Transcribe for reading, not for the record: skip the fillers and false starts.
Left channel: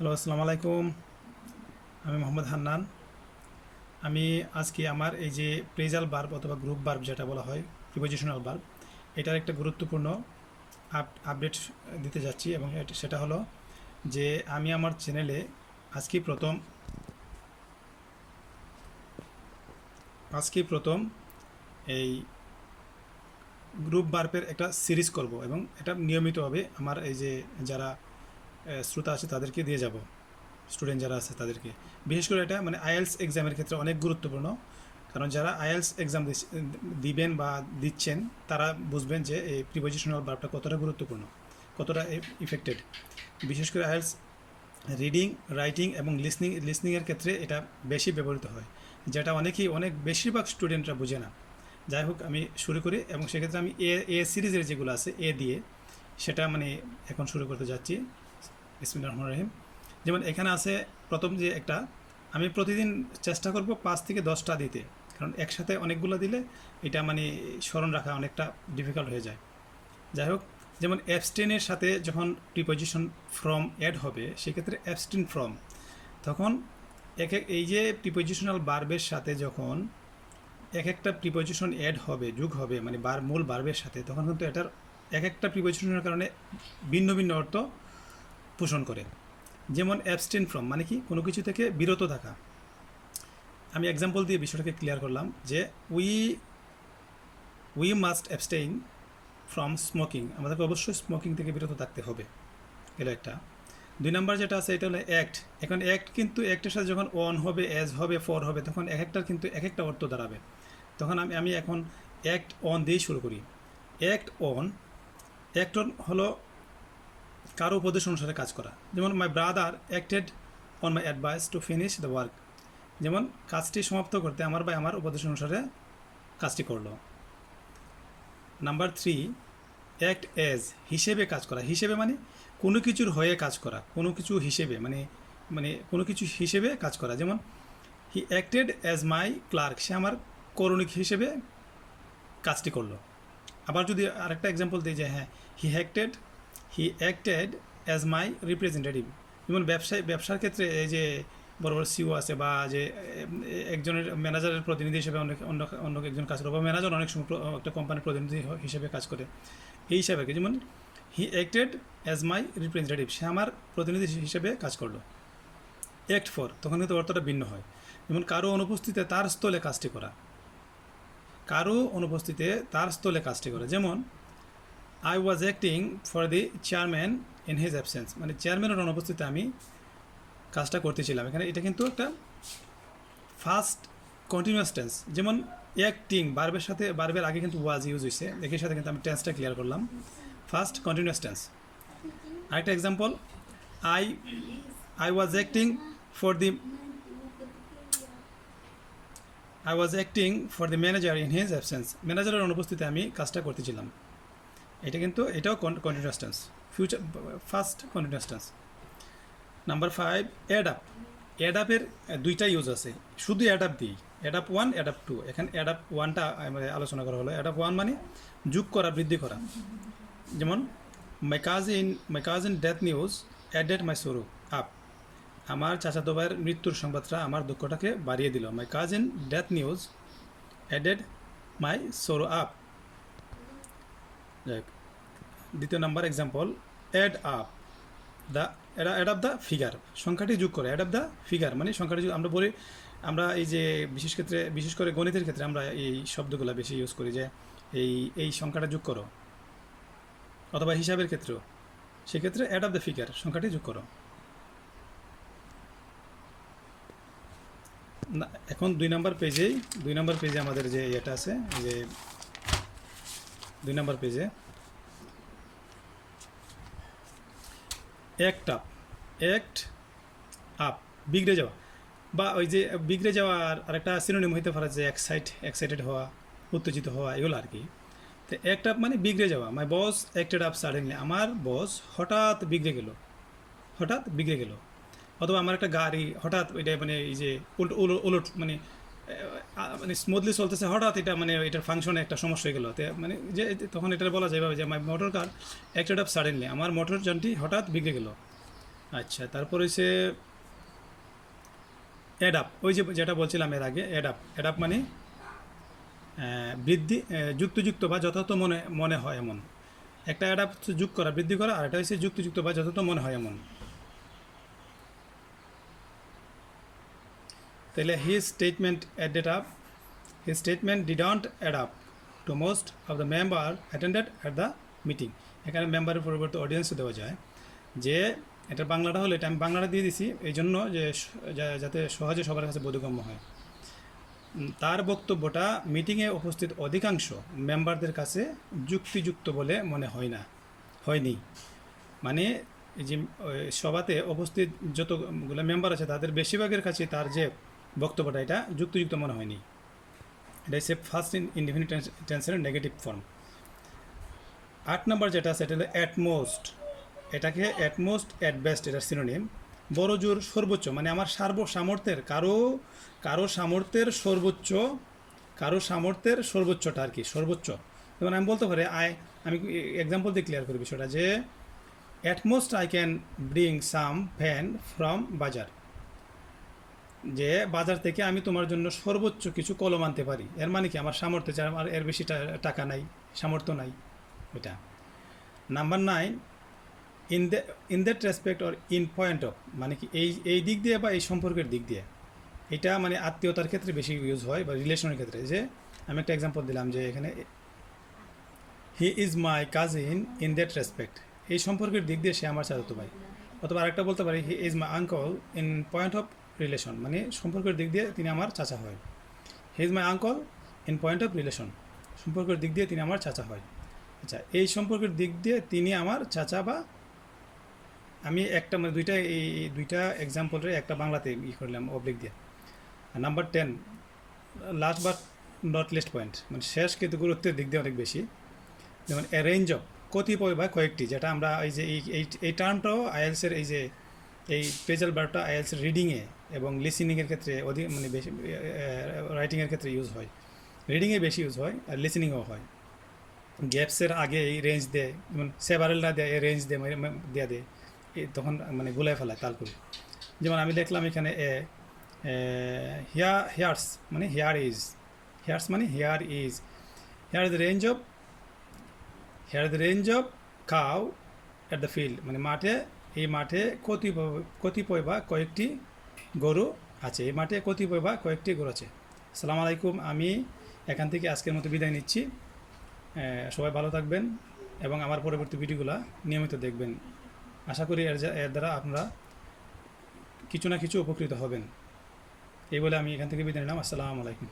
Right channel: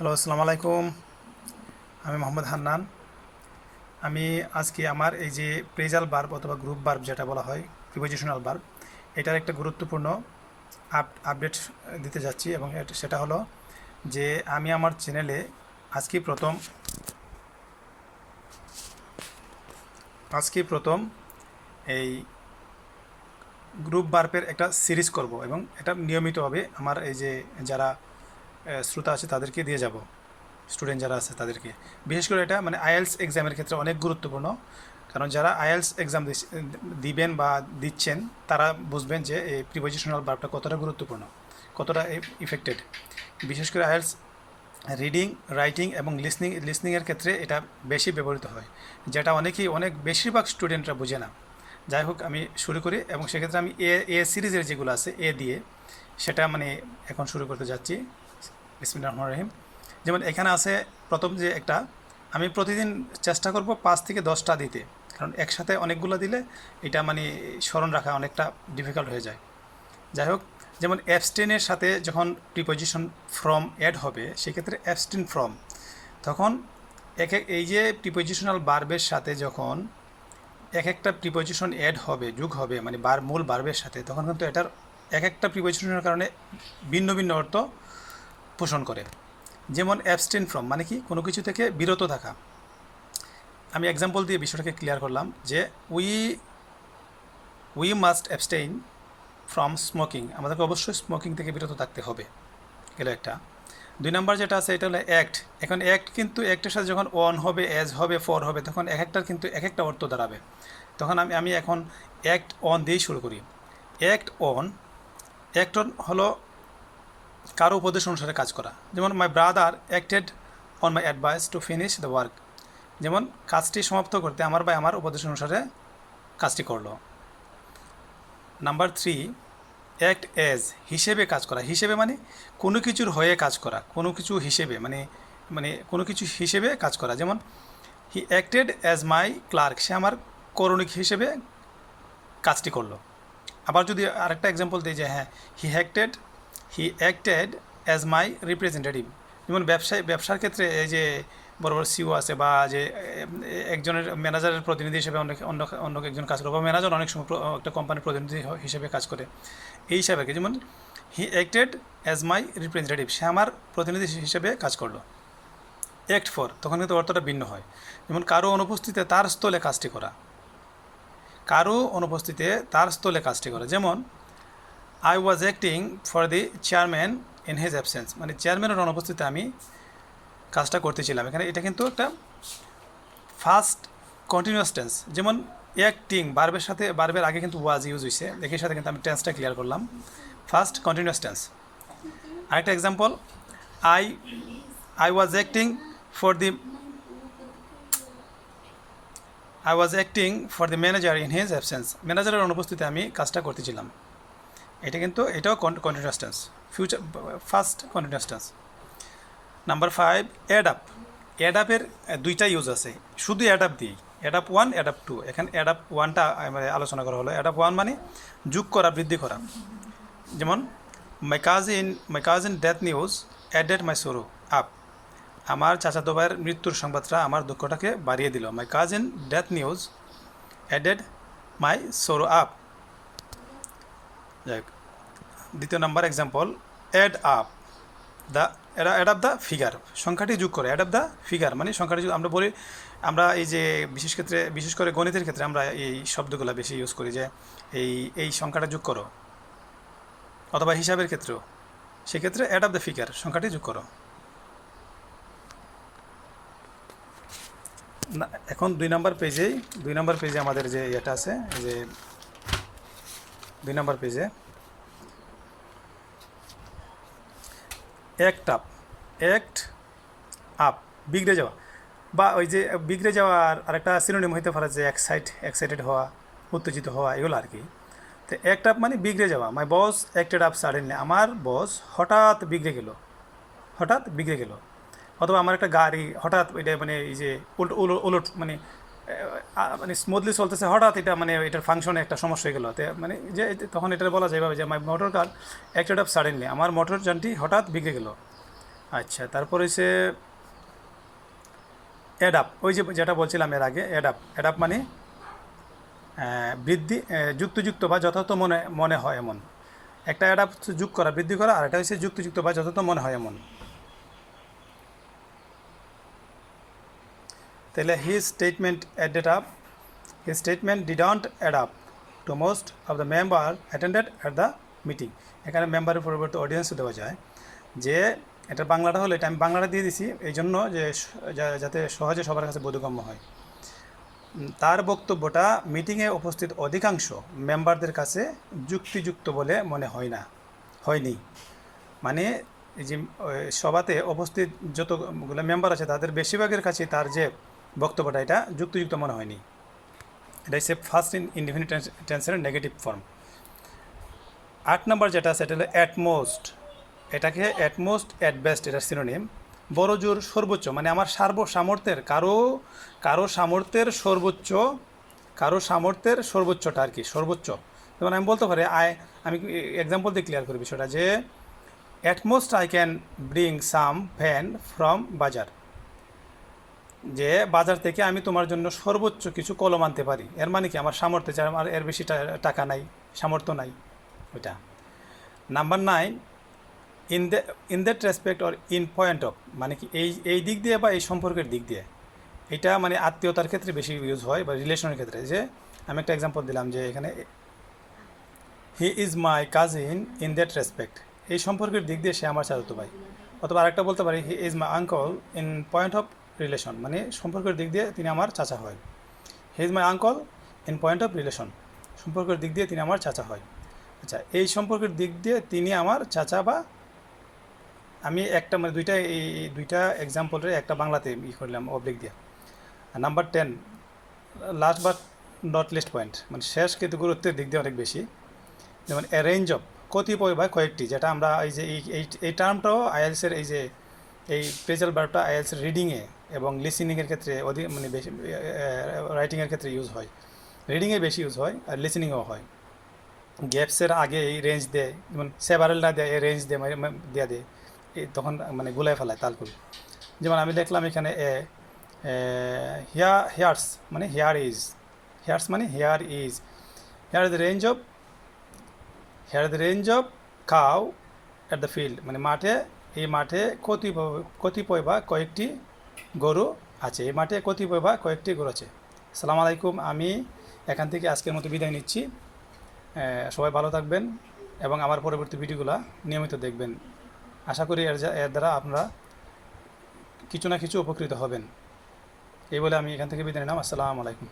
Hello, আসসালামু আলাইকুম। আমি মোহাম্মদ হান্নান। আমি আজকে আমার এই যে প্রেজাল ভার্ব অথবা গ্রুপ ভার্ব যেটা বলা হয় প্রিপোজিশনাল ভার্ব, এটার একটা গুরুত্বপূর্ণ আপডেট দিতে যাচ্ছি এবং সেটা হলো যে আমি আমার চ্যানেলে আজকে প্রথম আজকে প্রথম এই গ্রুপ ভার্বের একটা সিরিজ করব এবং এটা নিয়মিতভাবে আমার এই যে যারা শ্রোতা আছে তাদেরকে দিয়ে যাব, স্টুডেন্ট যারা আছে তাদেরকে। বিশেষ করে এটা মানে আইএলস এক্সামের ক্ষেত্রে অনেক গুরুত্বপূর্ণ, কারণ যারা আইএলস এক্সাম দিবেন বা দিচ্ছেন তারা বুঝবেন যে এই প্রিপোজিশনাল ভার্বটা কতটা গুরুত্বপূর্ণ, কতটা ইফেক্টেড। বিশেষ করে আইএলস রিডিং, রাইটিং এবং লিসনিংয়ের ক্ষেত্রে এটা বেশি ব্যবহৃত হয়, যেটা অনেক বেশিরভাগ স্টুডেন্টরা বুঝে না। যাই হোক, আমি শুরু করি এবং সেক্ষেত্রে আমি এ সিরিজের যেগুলো আছে এ দিয়ে সেটা মানে এখন শুরু করতে যাচ্ছি। বিসমিল্লাহির রহমানির রহিম। যেমন এখানে আছে প্রথম যে একটা, আমি প্রতিদিন চেষ্টা করব 5 থেকে 10টা দিতে, কারণ একসাথে অনেকগুলো দিলে এটা মানে স্মরণ রাখা অনেকটা ডিফিকাল্ট হয়ে যায়। যাই হোক, যেমন অ্যাবস্টেনের সাথে যখন প্রিপোজিশন ফ্রম অ্যাড হবে সেক্ষেত্রে অ্যাবস্টেন ফ্রম, তখন এই যে প্রিপোজিশনাল ভার্বের সাথে যখন এক একটা প্রিপোজিশন অ্যাড হবে, যোগ হবে মানে মূল ভার্বের সাথে, তখন কিন্তু এটার এক একটা প্রিপোজিশনের কারণে ভিন্ন ভিন্ন অর্থ পোষণ করে। যেমন অ্যাবস্টেন ফ্রম মানে কি, কোনো কিছু থেকে বিরত থাকা। আমি এক্সাম্পল দিয়ে বিষয়টাকে ক্লিয়ার করলাম যে we we must abstain from smoking, আমাদেরকে অবশ্যই স্মোকিং থেকে বিরত থাকতে হবে, গেল একটা। 2 নম্বর যেটা আছে এটা হলো অ্যাক্ট। এখন অ্যাক্ট কিন্তু অ্যাক্টের সাথে যখন অন হবে, অ্যাজ হবে, ফর হবে, তখন এক একটার কিন্তু এক একটা অর্থ দাঁড়াবে। তখন আমি এখন অ্যাক্ট অন দিয়েই শুরু করি। অ্যাক্ট অন হলো কারো উপদেশ অনুসারে কাজ করা। যেমন my brother acted on my advice to finish the work, যেমন কাজটি সমাপ্ত করতে আমার ভাই আমার উপদেশ অনুসারে কাজটি করলো। নাম্বার 3, অ্যাক্ট অ্যাজ, হিসেবে কাজ করা। হিসেবে মানে কোনো কিছুর হয়ে কাজ করা, কোনো কিছু হিসেবে মানে মানে কোনো কিছু হিসেবে কাজ করা। যেমন he acted as my clerk, সে আমার করণিক হিসেবে কাজটি করলো। আবার যদি আরেকটা এক্সাম্পল দিই যে হ্যাঁ, হি অ্যাক্টেড অ্যাজ মাই রিপ্রেজেন্টেটিভ, যেমন ব্যবসার ক্ষেত্রে এই যে বড় বড় সিও আছে বা যে একজনের ম্যানেজারের প্রতিনিধি হিসেবে অন্য একজন কাজ করে, বা ম্যানেজার অনেক সময় একটা কোম্পানির প্রতিনিধি হিসেবে কাজ করে। এই হিসাবে যেমন he acted as my representative, সে আমার প্রতিনিধি হিসেবে কাজ করলো। অ্যাক্ট ফর, তখন কিন্তু অর্থটা ভিন্ন হয়। যেমন কারো অনুপস্থিতিতে তার স্থলে কাজটি করা, কারো অনুপস্থিতিতে তার স্থলে কাজটি করা। যেমন I was acting for the chairman in his absence, মানে চেয়ারম্যানের অনুপস্থিতিতে আমি কাজটা করতেছিলাম। এখানে এটা কিন্তু একটা ফার্স্ট কন্টিনিউয়াস টেন্স। যেমন অ্যাক্টিং ভার্বের সাথে, ভার্বের আগে কিন্তু ওয়াজ ইউজ হয়েছে, একই সাথে কিন্তু আমি টেন্সটা ক্লিয়ার করলাম, ফার্স্ট কন্টিনিউয়াস টেন্স। আরেকটা example, I I was acting for the I was acting for the manager in his absence, ম্যানেজারের অনুপস্থিতিতে আমি কাজটা করতেছিলাম। এটাও continuous tense, future first continuous tense. Number 5, add up. Add আপের 2টা ইউজ আছে, শুধু অ্যাড আপ দিই, অ্যাড আপ 1, অ্যাড আপ 2। এখানে অ্যাড আপ 1টা আলোচনা করা হলো। অ্যাড আপ 1 মানে যোগ করা, বৃদ্ধি করা। যেমন my cousin death news added my sorrow up, আমার চাচাতো ভাইয়ের মৃত্যুর সংবাদটা আমার দুঃখটাকে বাড়িয়ে দিল। My cousin death news added my sorrow up. যাই হোক, 2 number example, add up the, add up the figure, সংখ্যাটি যোগ করে। অ্যাড আপ দ্য ফিগার মানে সংখ্যাটি যোগ। আমরা এই যে বিশেষ করে গণিতের ক্ষেত্রে আমরা এই শব্দগুলো বেশি ইউজ করি যে এই সংখ্যাটা যোগ করো, অথবা হিসাবের ক্ষেত্রেও, সেক্ষেত্রে অ্যাড আপ দ্য ফিগার, সংখ্যাটি যোগ করো। না, এখন 2 নম্বর পেজে আমাদের যে এটা আছে, এই যে 2 নম্বর পেজে অ্যাক্ট আপ, বিগড়ে যাওয়া, বা ওই যে বিগড়ে যাওয়ার আরেকটা সিনোনিম হইতে পারে যে এক্সাইটেড হওয়া, উত্তেজিত হওয়া, এগুলো আর কি। তো অ্যাক্ট আপ মানে বিগড়ে যাওয়া। মাই বস অ্যাক্টেড আপ সাডেনলি, আমার বস হঠাৎ বিগড়ে গেল। অথবা আমার একটা গাড়ি হঠাৎ এটা মানে এই যে উলট মানে মানে স্মুথলি চলতেছে, হঠাৎ এটা মানে এটার ফাংশনে একটা সমস্যা হয়ে গেল, মানে যে তখন এটা বলা যায় যে my motor car acted up suddenly, আমার মোটর যানটি হঠাৎ বিগড়ে গেল। আচ্ছা, তারপর হচ্ছে অ্যাডাপ, ওই যে যেটা বলছিলাম এর আগে, অ্যাডাপ। অ্যাডাপ মানে বৃদ্ধি, যুক্তযুক্ত বা যথাযথ মনে মনে হয় এমন। একটা অ্যাডাপ হচ্ছে যোগ করা, বৃদ্ধি করা, আর এটা হচ্ছে যুক্তযুক্ত বা যথাযথ মনে হয় এমন। তাহলে his statement added up, his statement didn't add up to most of the member attended at the meeting. এখানে মেম্বারের পরিবর্তে অডিয়েন্সও দেওয়া যায়। যে এটা বাংলাটা হলো, এটা আমি বাংলাটা দিয়ে দিছি এই জন্য যে যাতে সহজে সবার কাছে বোধগম্য হয়। তার বক্তব্যটা মিটিংয়ে উপস্থিত অধিকাংশ মেম্বারদের কাছে যুক্তিযুক্ত বলে মনে হয় না, হয়নি। মানে এই যে সভাতে উপস্থিত যতগুলো মেম্বার আছে তাদের বেশিরভাগের কাছে তার যে বক্তব্যটা এটা যুক্তিযুক্ত মনে হয়নি। এটা হচ্ছে ফার্স্ট ইনডিফিনিট টেন্সের নেগেটিভ ফর্ম। 8 নম্বর যেটা আছে এটা হলো অ্যাটমোস্ট। এটাকে অ্যাটমোস্ট, অ্যাট বেস্ট এটার সিনোনিম। বড় জোর, সর্বোচ্চ, মানে আমার সামর্থ্যের কারো সামর্থ্যের সর্বোচ্চ, কারো সামর্থ্যের সর্বোচ্চটা আর কি, সর্বোচ্চ। যেমন আমি বলতে পারি আমি এক্সাম্পল দিয়ে ক্লিয়ার করি বিষয়টা, যে at most I can bring some fan from বাজার। যে বাজার থেকে আমি তোমার জন্য সর্বোচ্চ কিছু কলম আনতে পারি, এর মানে কি আমার সামর্থ্য, যে আমার এর বেশি টাকা নাই, সামর্থ্য নাই, ওইটা। Number 9, in that respect or in point of, মানে কি এই দিক দিয়ে বা এই সম্পর্কের দিক দিয়ে। এটা মানে আত্মীয়তার ক্ষেত্রে বেশি ইউজ হয় বা রিলেশনের ক্ষেত্রে। যে আমি একটা এক্সাম্পল দিলাম যে এখানে he is my cousin in that respect, এই সম্পর্কের দিক দিয়ে সে আমার চাচাতো ভাই। অথবা আরেকটা বলতে পারি he is my uncle in point of relation, মানে সম্পর্কের দিক দিয়ে তিনি আমার চাচা হয়। He is my uncle in point of relation, সম্পর্কের দিক দিয়ে তিনি আমার চাচা হয়। আচ্ছা, এই সম্পর্কের দিক দিয়ে তিনি আমার চাচা, বা আমি একটা মানে দুইটা এক্সাম্পলের একটা বাংলাতে করলাম অবলিক দিয়ে। Number 10, last but not list point, মানে শেষ কিন্তু গুরুত্বের দিক দিয়ে অনেক বেশি। যেমন এ রেঞ্জ অফ, কতিপয় বা কয়েকটি, যেটা আমরা এই যে এই টার্মটাও আইএলসের এই প্রেজাল ভার্বটা আইএলসের রিডিংয়ে এবং লিসেনিংয়ের ক্ষেত্রে অধিক মানে বেশি, রাইটিংয়ের ক্ষেত্রে ইউজ হয়। রিডিংয়ে বেশি ইউজ হয় আর লিসেনিংও হয়। গ্যাপসের আগে এই রেঞ্জ দেয়, যেমন সেভারেলটা দেয়, এই রেঞ্জ দেয় দেওয়া দেয়, তখন মানে গুলায় ফেলায় তাল করে। যেমন আমি দেখলাম এখানে হেয়ার্স মানে হেয়ার ইজ, হেয়ার্স মানে here is, here the range of, here the range of cow at the field, মানে মাঠে, এই মাঠে কতিপয় বা কয়েকটি গরু আছে, এই মাঠে কতিপয় বা কয়েকটি গরু আছে। আসসালামু আলাইকুম, আমি এখান থেকে আজকের মতো বিদায় নিচ্ছি। সবাই ভালো থাকবেন এবং আমার পরবর্তী ভিডিওগুলো নিয়মিত দেখবেন। আশা করি এর দ্বারা আপনারা কিছু না কিছু উপকৃত হবেন। এই বলে আমি এখান থেকে বিদায় নিলাম। আসসালামু আলাইকুম।